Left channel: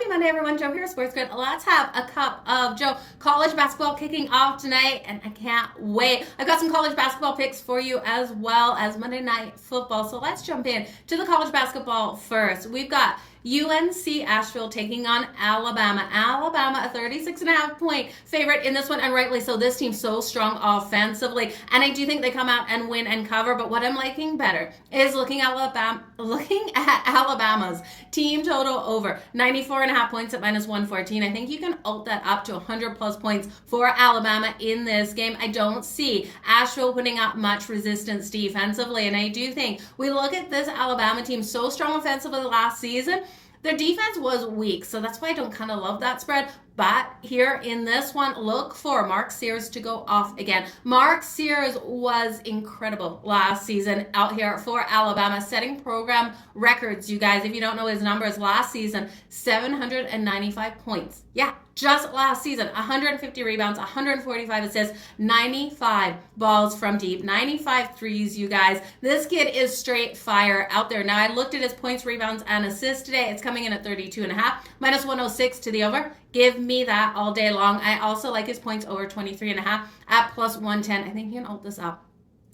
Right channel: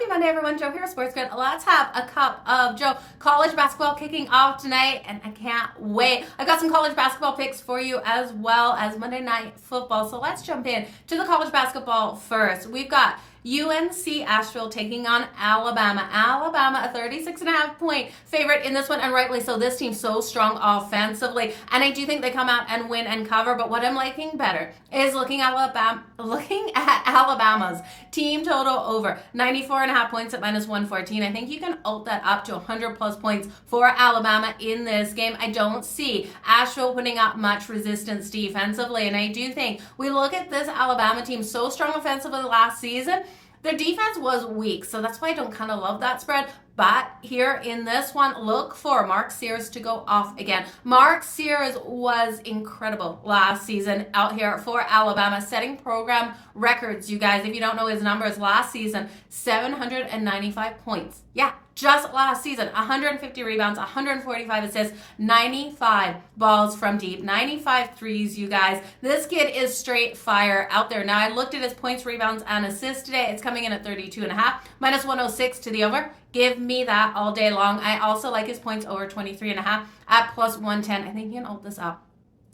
Happy Monday, everyone. Joe here, Sports Good. Let's have a cup of Joe. College basketball kicking off tonight, and I can't wait. I've got some college basketball picks for you as well as Monday Night Football. So let's jump in to the college basketball first. We've got UNC Asheville taking on Alabama. Alabama, a 36.5-point favorite in this one, and rightly so. This team's so strong offensively, and I do think they come out and win and cover, but what I'm liking better is looking at Alabama's team total over 94.5 points at -114. I think you can ult that up to 100-plus points for Alabama in this game. I don't see Asheville putting up much resistance defensively, and I do think we look at this Alabama team so strong offensively last season. Their defense was weak, so that's why I don't kind of love that spread. But here in this one, look for Mark Sears to go off again. Mark Sears was incredible last season out here for Alabama, setting program records, you guys. If you don't know his numbers, last season, 795 points. Yeah, just last season, 150 rebounds, 145 assists, 95 balls from deep, 95 threes, you guys. This kid is straight fire out there. Now, I looked at his points, rebounds, and assists today. It's coming in at 32.5, -106 to the over. Give me that all day long. I also like his points over 23.5 at +110. I think he can ult this up.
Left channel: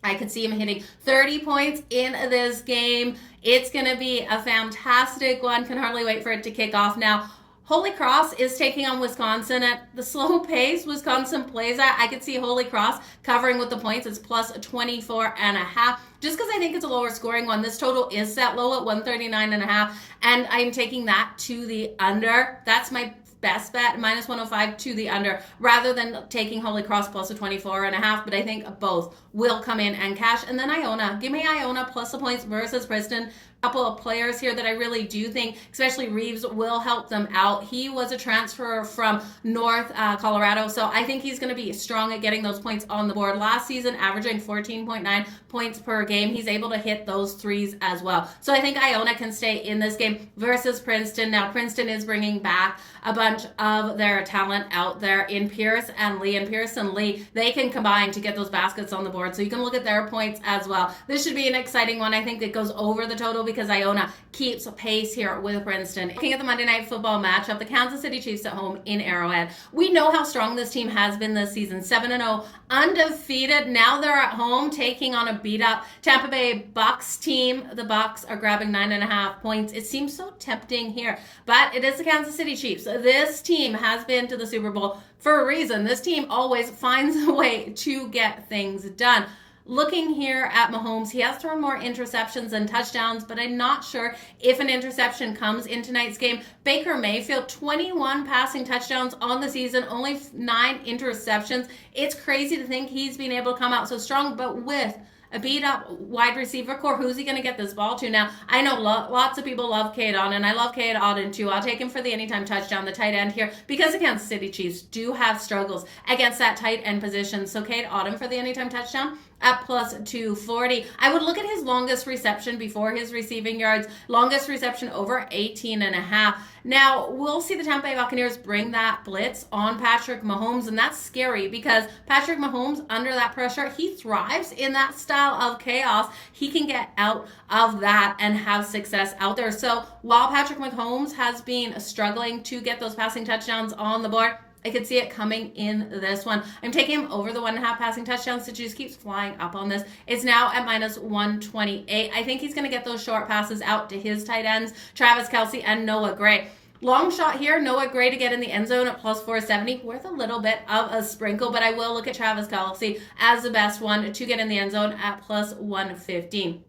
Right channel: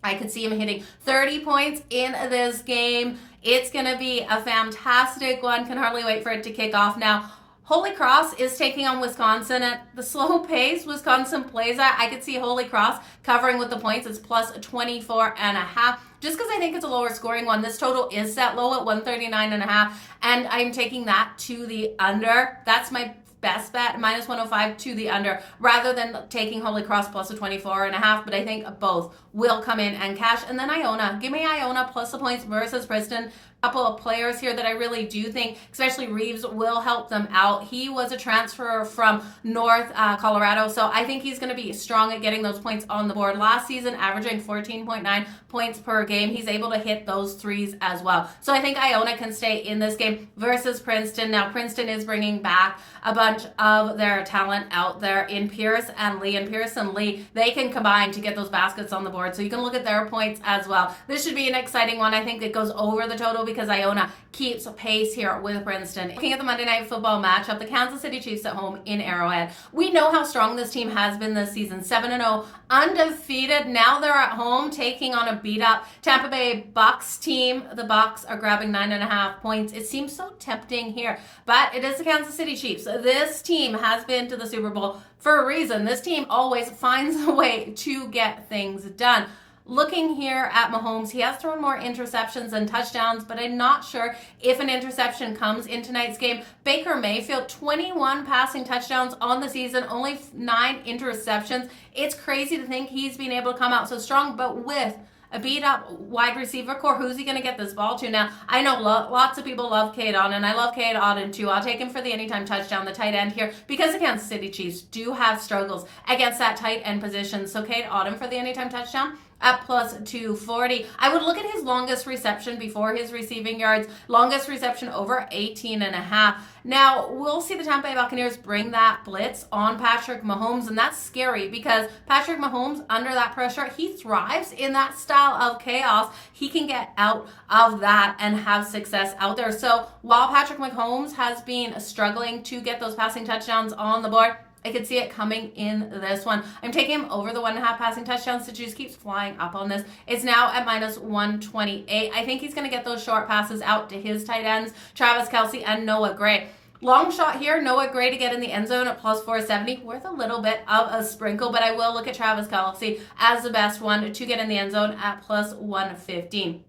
I could see him hitting 30 points in this game. It's going to be a fantastic one. Can hardly wait for it to kick off now. Holy Cross is taking on Wisconsin at the slow pace Wisconsin plays at. I could see Holy Cross covering with the points. It's +24.5. Just because I think it's a lower scoring one. This total is set low at 139.5, and I'm taking that to the under. That's my best bet, -105 to the under, rather than taking Holy Cross plus a 24.5, but I think both will come in and cash. And then Iona, give me Iona plus the points versus Princeton. Couple of players here that I really do think, especially Reeves, will help them out. He was a transfer from North Colorado, so I think he's going to be strong at getting those points on the board. Last season, averaging 14.9 points per game. He's able to hit those threes as well. So I think Iona can stay in this game versus Princeton. Now, Princeton is bringing back a bunch of their talent out there in Pierce and Lee. And Pierce and Lee, they can combine to get those baskets on the board. So you can look at their points as well. This should be an exciting one. I think it goes over the total because Iona keeps pace here with Princeton. Looking at the Monday Night Football matchup, the Kansas City Chiefs at home in Arrowhead. We know how strong this team has been this season. 7-0, undefeated. Now they're at home taking on a beat-up Tampa Bay Bucs team. The Bucs are grabbing 9.5 points. It seems so tempting here, but it is the Kansas City Chiefs. This team has been to the Super Bowl for a reason. This team always finds a way to get things done. Looking here at Mahomes, he has thrown more interceptions than touchdowns, but I'm not sure if an interception comes in tonight's game. Baker Mayfield, 21 passing touchdowns on the season, only 9 interceptions. It's crazy to think he's been able to come out so strong, but with a beat-up wide receiver core, who's he going to get this ball to now? I know lots of people love Cade Otton, and I love Cade Otton too. I'll take him for the anytime touchdown, the tight end here, because the Kansas City Chiefs do have struggles against that tight end position. So Cade Otton for the anytime touchdown at +240. I would look at his longest reception before his receiving yards. Longest reception over 18.5. Now, we'll see the Tampa Bay Buccaneers bring that blitz on Patrick Mahomes, and that's scary because Patrick Mahomes, under that pressure, he thrives in that style of chaos. He can get out of that and have success out there. So while Patrick Mahomes has been struggling to get those passing touchdowns on the board, I could see it coming in this one. I'm taking him over the 1.5 passing touchdowns. The juice keeps flying up on this. It's now at -128. I think he's going to get those short passes out to his tight ends, Travis Kelce and Noah Gray. Long shot here, Noah Gray to get in the end zone at +470, worth a little bit of a sprinkle, but I will look at Travis Kelce as the best one to get in the end zone at +115.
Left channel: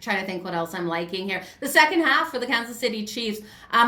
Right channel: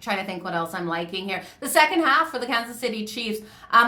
Trying to think what else I'm liking here. The second half for the Kansas City Chiefs,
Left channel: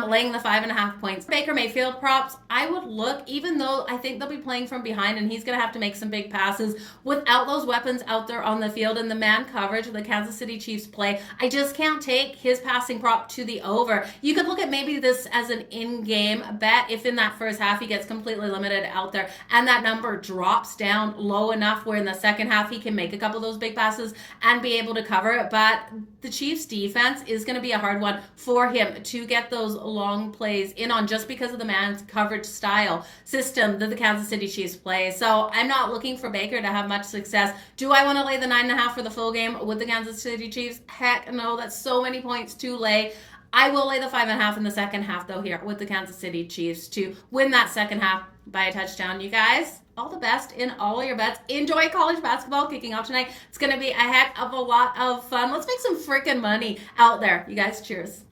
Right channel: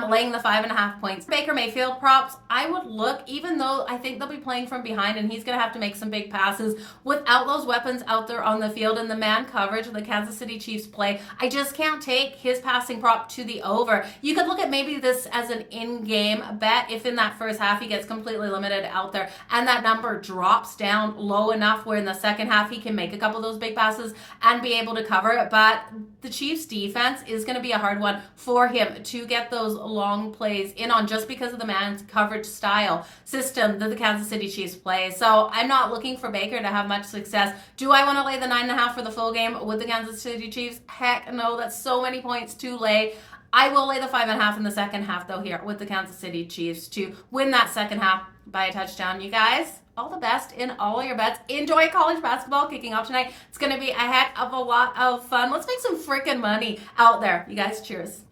laying the 5.5 points. Baker Mayfield props, I would look, even though I think they'll be playing from behind and he's going to have to make some big passes without those weapons out there on the field and the man coverage the Kansas City Chiefs play. I just can't take his passing prop to the over. You could look at maybe this as an in-game bet if in that first half he gets completely limited out there and that number drops down low enough where in the second half he can make a couple of those big passes and be able to cover it. But the Chiefs defense is going to be a hard one for him to get those long plays in on just because of the man's coverage style system that the Kansas City Chiefs play. So I'm not looking for Baker to have much success. Do I want to lay the 9.5 for the full game with the Kansas City Chiefs? Heck no, that's so many points to lay. I will lay the 5.5 in the second half, though, here with the Kansas City Chiefs to win that second half by a touchdown. You guys, all the best in all your bets. Enjoy college basketball kicking off tonight. It's going to be a heck of a lot of fun. Let's make some freaking money out there. You guys, cheers.